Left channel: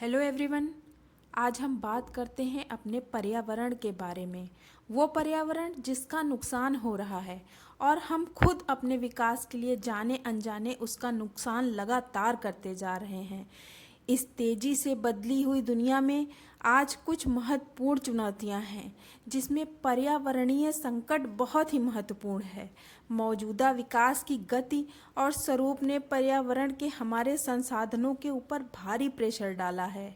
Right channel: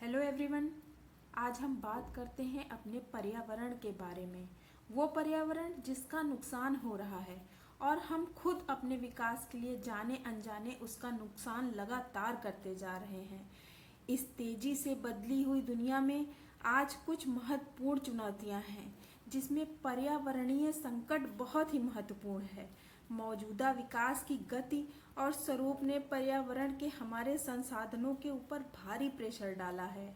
Hello everyone. आज हम बात करते हैं अपने पर्यावरण के बारे में। वो पर्यावरण जिसका नुकसान हो रहा है और हम खुद अपने विकास के लिए जाने अनजाने उसका नुकसान लगातार करते जा रहे हैं। इस तेज़ी से बदली हुई दुनिया में आज कुछ महत्वपूर्ण चुनौतियां हैं जिसमें पर्यावरणीय संकट बहुत ही महत्वपूर्ण है। मौजूदा विकास की गति और स्वरूप ने पर्यावरण के हमारे संसाधनों के ऊपर भारी प्रेशर डाला है।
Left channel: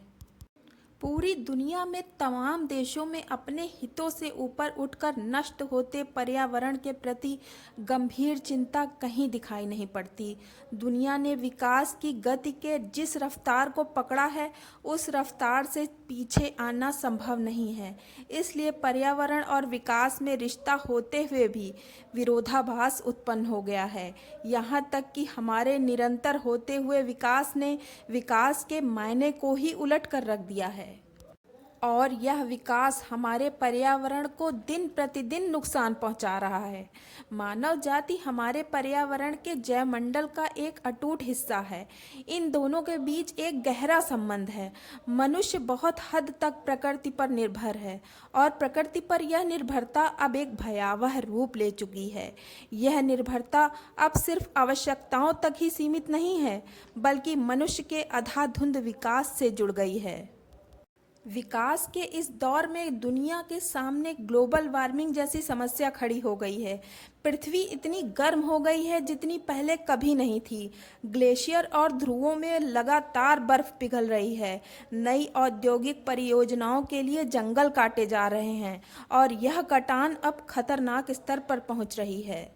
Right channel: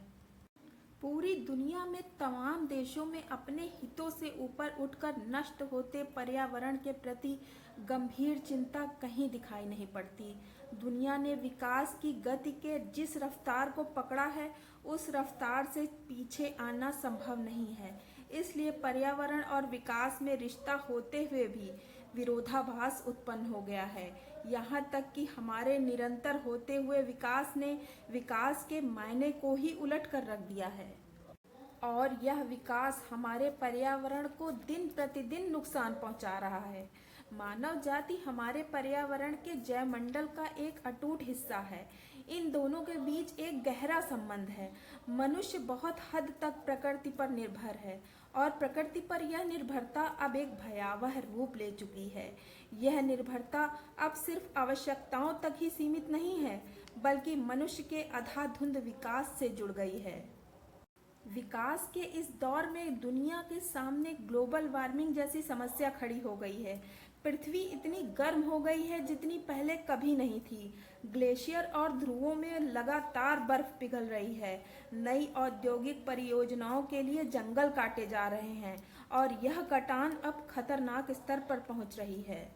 पूरी दुनिया में तमाम देशों में अपने हितों से ऊपर उठकर नष्ट होते पर्यावरण के प्रति गंभीर चिंता कहीं दिखाई नहीं पड़ती। दुनिया ने विकास की गति के जिस रफ्तार को पकड़ा है उस रफ्तार से पीछे आना संभव नहीं है। इसलिए पर्यावरण और विकास में रिश्ता होते हुए भी विरोधाभास उत्पन्न हो गया है। यहाँ तक कि हमारे निरंतर होते हुए विकास ने विकास के मायने को ही उलट कर रख दिया है और यह विकास हमारे पर्यावरण को दिन प्रतिदिन नुकसान पहुंचा रहा है। मानव जाति हमारे पर्यावरण के जैवमंडल का एक अटूट हिस्सा है। इन दोनों के बीच एक गहरा संबंध है। मनुष्य बहुत हद तक प्रकृति पर निर्भर है और प्रकृति पर यह निर्भरता अब एक भयावह रूप ले चुकी है। यह निर्भरता अब सिर्फ आवश्यकताओं तक ही सीमित नहीं है, बल्कि मनुष्य के अंधाधुंध विकास से जुड़ गई है। विकास के इस दौर में दुनिया के सामने ग्लोबल वार्मिंग जैसी समस्या खड़ी हो गई है। पृथ्वी इतनी गर्म हो गई है जितनी पहले कभी नहीं थी। ग्लेशियर और ध्रुवों में लगातार बर्फ पिघल रही है। नई औद्योगिक परियोजनाओं के लिए जंगल काटे जा रहे हैं और यह कटान अब खतरनाक स्तर पर पहुंच रही है।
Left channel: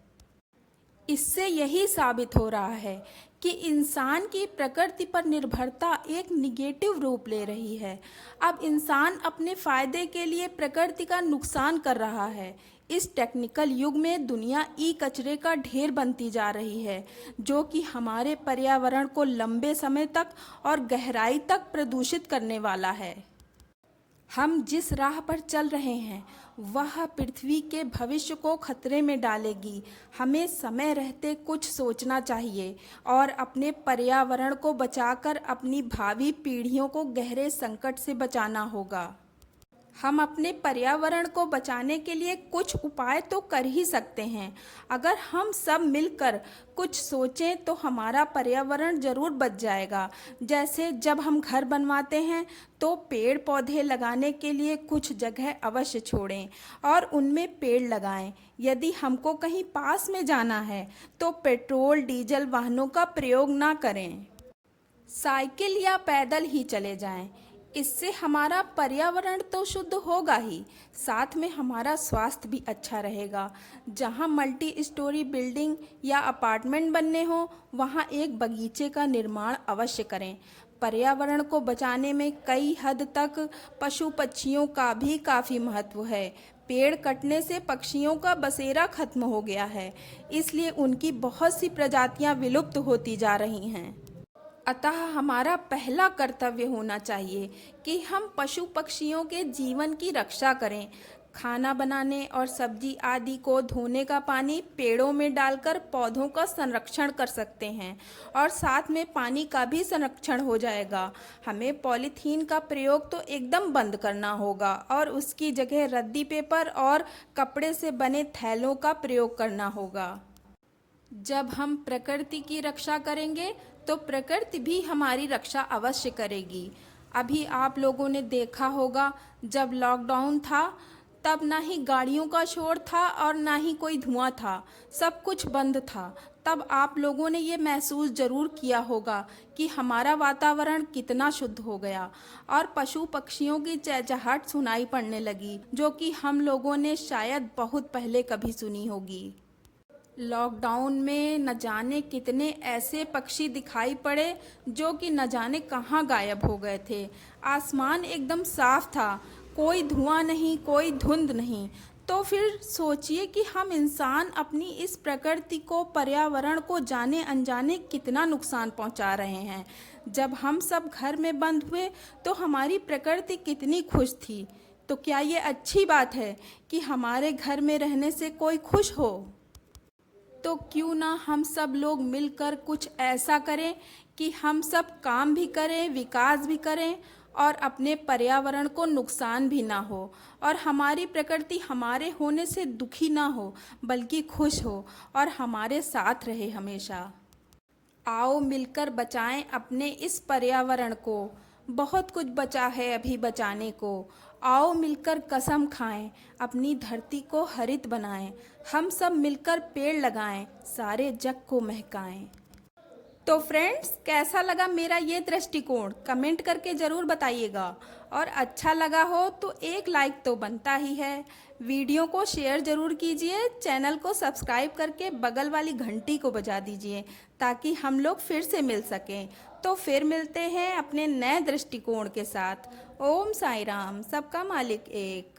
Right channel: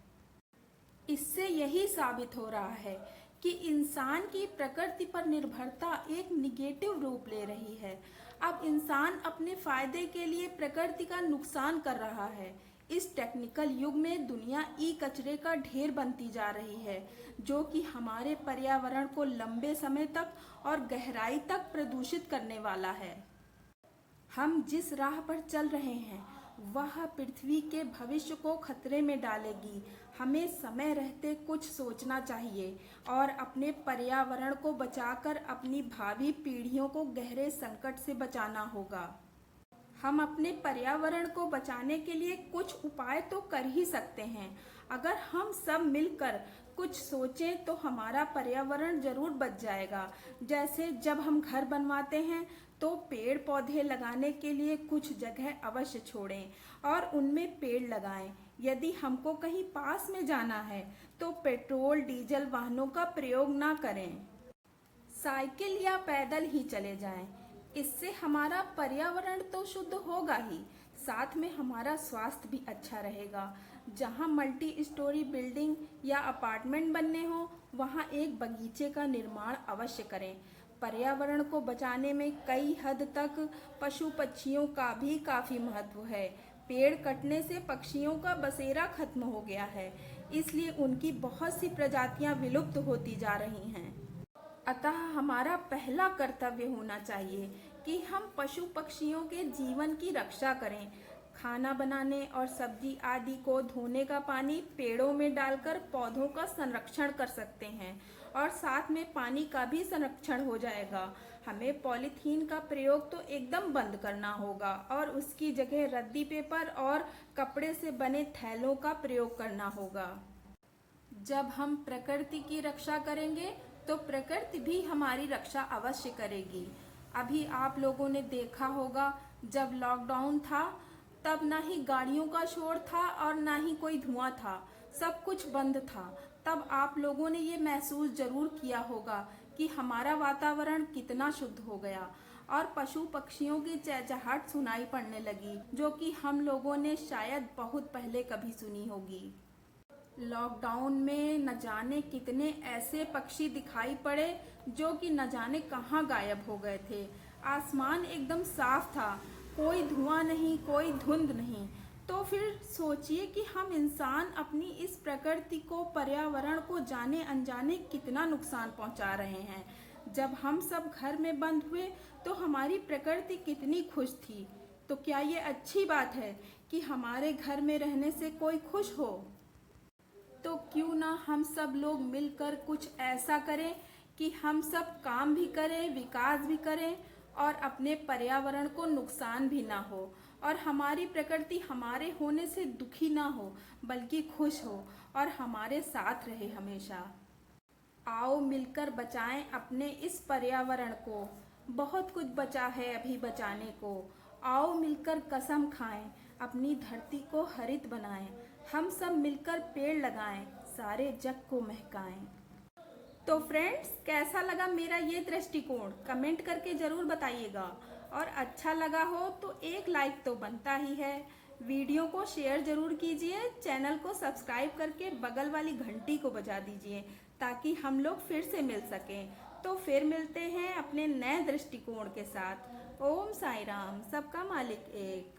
इससे यही साबित हो रहा है कि इंसान की प्रकृति पर निर्भरता एक निगेटिव रूप ले रही है। अब इंसान अपने फायदे के लिए प्रकृति का नुकसान कर रहा है। इस टेक्निकल युग में दुनिया ई कचरे का ढेर बनती जा रही है, जो कि हमारे पर्यावरण को लंबे समय तक और गहराई तक प्रदूषित करने वाला है। हम जिस राह पर चल रहे हैं वह पृथ्वी के भविष्य को खतरे में डालेगी। हमें समय रहते कुछ सोचना चाहिए और अपने पर्यावरण को बचाकर अपनी भावी पीढ़ियों को गहरे संकट से बचाना होगा। हम अपने पर्यावरण को बचाने के लिए कुछ उपाय तो कर ही सकते हैं। अगर हम सब मिलकर कुछ सोचें तो हमारा पर्यावरण जरूर बच जाएगा। जैसे जब हम घर बनवाते हैं तो पेड़ पौधे लगाने के लिए कुछ जगह अवश्य छोड़ें और उनमें पेड़ लगाएं। यदि हमको कहीं पास में जाना है तो पेट्रोल डीजल वाहनों का प्रयोग ना करें। साइकिल या पैदल ही चले जाएं। इससे हमारा पर्यावरण तो शुद्ध होगा ही, साथ में हमारा स्वास्थ्य भी अच्छा रहेगा। जहां मल्टी स्टोरी बिल्डिंग या अपार्टमेंट बनने हो वहां एक बगीचे का निर्माण अवश्य करें। पर्यावरण को बचाने में कई हद तक पशु पक्षियों का भी काफ़ी महत्व है। पेड़ कटने से पक्षियों का बसेरा खत्म हो गया है, इसलिए उनकी बहुत सी प्रजातियां विलुप्त होती जा रही हैं। अतः हमारा पहला कर्तव्य होना चाहिए कि हम पशु पक्षियों के जीवन की रक्षा करें। खाना बनाने और सब्जी आदि को धोने का पानी पेड़ों में डालकर पौधों का संरक्षण कर सकते हैं और साथ में पानी का भी संरक्षण हो जाएगा। हमें पॉलीथीन का प्रयोग तो एकदम बंद करना होगा और उसकी जगह रद्दी पेपर और कपड़े से बने थैलों का प्रयोग करना होगा। जब हम प्रकृति की रक्षा करेंगे तो प्रकृति भी हमारी रक्षा अवश्य करेगी। अभी आप लोगों ने देखा होगा, जब लॉकडाउन था तब ना ही गाड़ियों का शोर था और ना ही कोई धुआं था, सब कुछ बंद था। तब आप लोगों ने ये महसूस ज़रूर किया होगा कि हमारा वातावरण कितना शुद्ध हो गया और पशु पक्षियों की चहचहाहट सुनाई पड़ने लगी, जो कि हम लोगों ने शायद बहुत पहले कभी सुनी होगी। लॉकडाउन में न जाने कितने ऐसे पक्षी दिखाई पड़े जो कि न जाने कहाँ गायब हो गए थे। आसमान एकदम साफ था, कोई धुआं नहीं, कोई धुंध नहीं। तो फिर सोचिए कि हम इंसान अपनी इस प्रकृति को, पर्यावरण को जाने अनजाने कितना नुकसान पहुंचा रहे हैं। जब हम सब घर में बंद हुए तो हमारी प्रकृति कितनी खुश थी। तो क्या ये अच्छी बात है कि हमारे घर में रहने से कोई खुश हो? तो क्यों ना हम सब लोग मिलकर कुछ ऐसा करें कि हम सब काम भी करें, विकास भी करें और अपने पर्यावरण को नुकसान भी ना हो और हमारी प्रकृति हमारे होने से दुखी ना हो बल्कि खुश हो और हमारे साथ रहे हमेशा। आओ मिलकर बचाएं अपने इस पर्यावरण को, बहुत कुछ बचा है अभी बचाने को। आओ मिलकर कसम खाएं, अपनी धरती को हरित बनाएं, हम सब मिलकर पेड़ लगाएं, सारे जग को महकाएं। तो फ्रेंड्स, कैसा लगा मेरा ये दृष्टिकोण कमेंट करके ज़रूर बताइएगा और अच्छा लगा हो तो एक लाइक तो बनता ही है। वीडियो को शेयर ज़रूर कीजिए, चैनल को सब्सक्राइब करके बगल वाली घंटी को बजा दीजिए ताकि हम लोग फिर से मिल सकें। तो फिर मिलते हैं अपने नए दृष्टिकोण के साथ। ओम साई राम, सबका मालिक एक।